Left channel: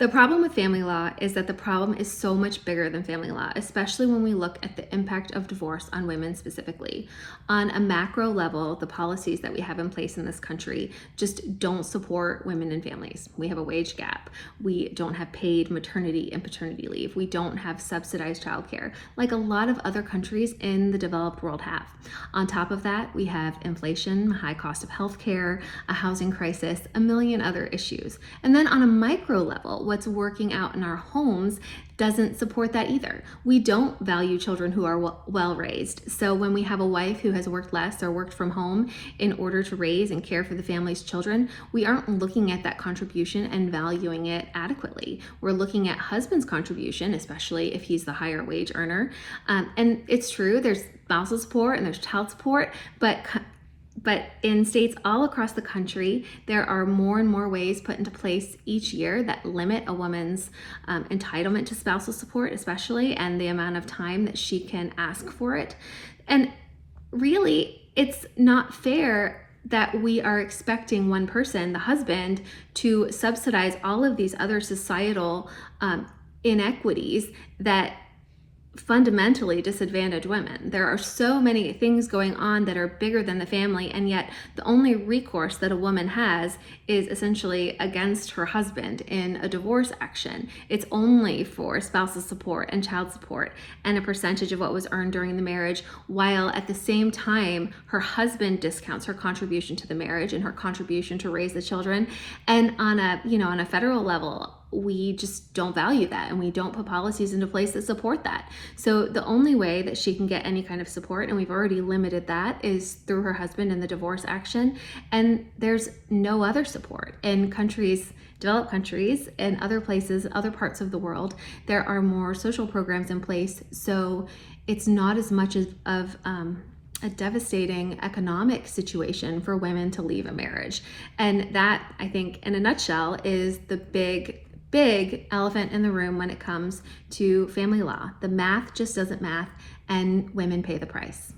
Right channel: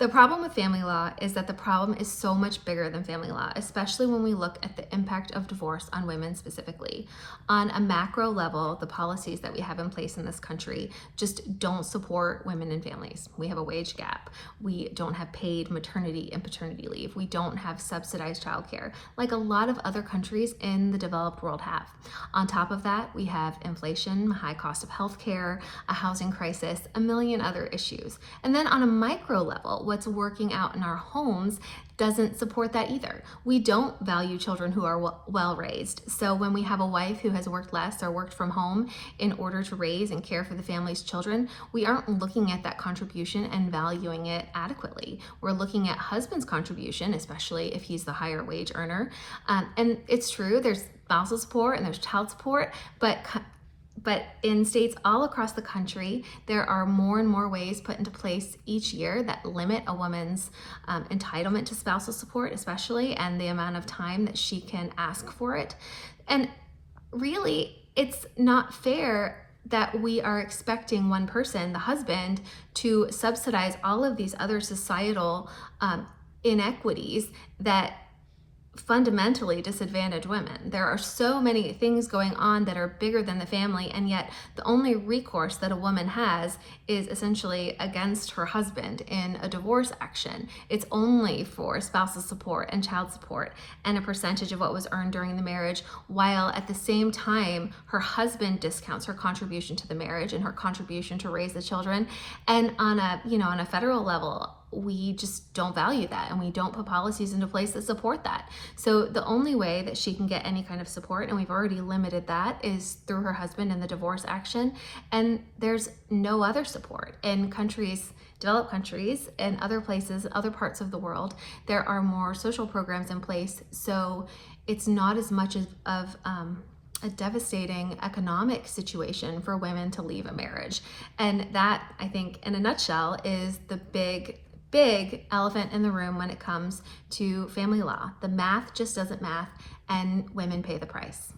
The problem with family law is that the problem is so much bigger than family law, especially when we look at the impact of divorce on women specifically. On a macro level, the policies that we have in place in this country just don't support women and families. We have a wage gap. We don't have paid maternity and paternity leave. We don't have subsidized childcare like a lot of other countries in the developed world have. On top of that, we have inflation, high cost of healthcare, a housing crisis, a million other issues. And then on a micro level, what's working out in our homes doesn't support that either. We don't value children who are well raised. So when we have a wife who has worked less or worked from home in order to raise and care for the family's children, we aren't looking at that contribution and valuing it adequately. We're looking at husband's contribution, especially if he's the higher wage earner. And it's true, there's spousal support and there's child support, but in states all across the country, there are more and more ways put into place each year that limit a woman's entitlement to spousal support, especially, and the amount of time that she can ask for it. And really, it's not fair that we are expecting one person, the husband, to subsidize all of these other societal inequities that fundamentally disadvantage women. There are so many things going on that are bigger than the family, and yet the only recourse that a woman has is essentially against her husband in a divorce action. It's only for spousal support and child support and a percentage of what was earned during the marriage, while at the same time her husband discounts her contribution to the marriage and her contribution to raise the children. And on a federal level, we just don't value that, and we don't put policies into place that support that. So the only way that she can get any kind of support, and we've already limited that, is through her husband in the divorce action. And there's no other support. In countries, developed countries, and other places, other parts of the world, there are more social programs in place. So it's not as much of a devastating economic situation for women to leave a marriage. And that, I think, in a nutshell, is the big elephant in the room when it comes to family law. The math just doesn't math, and women pay the price.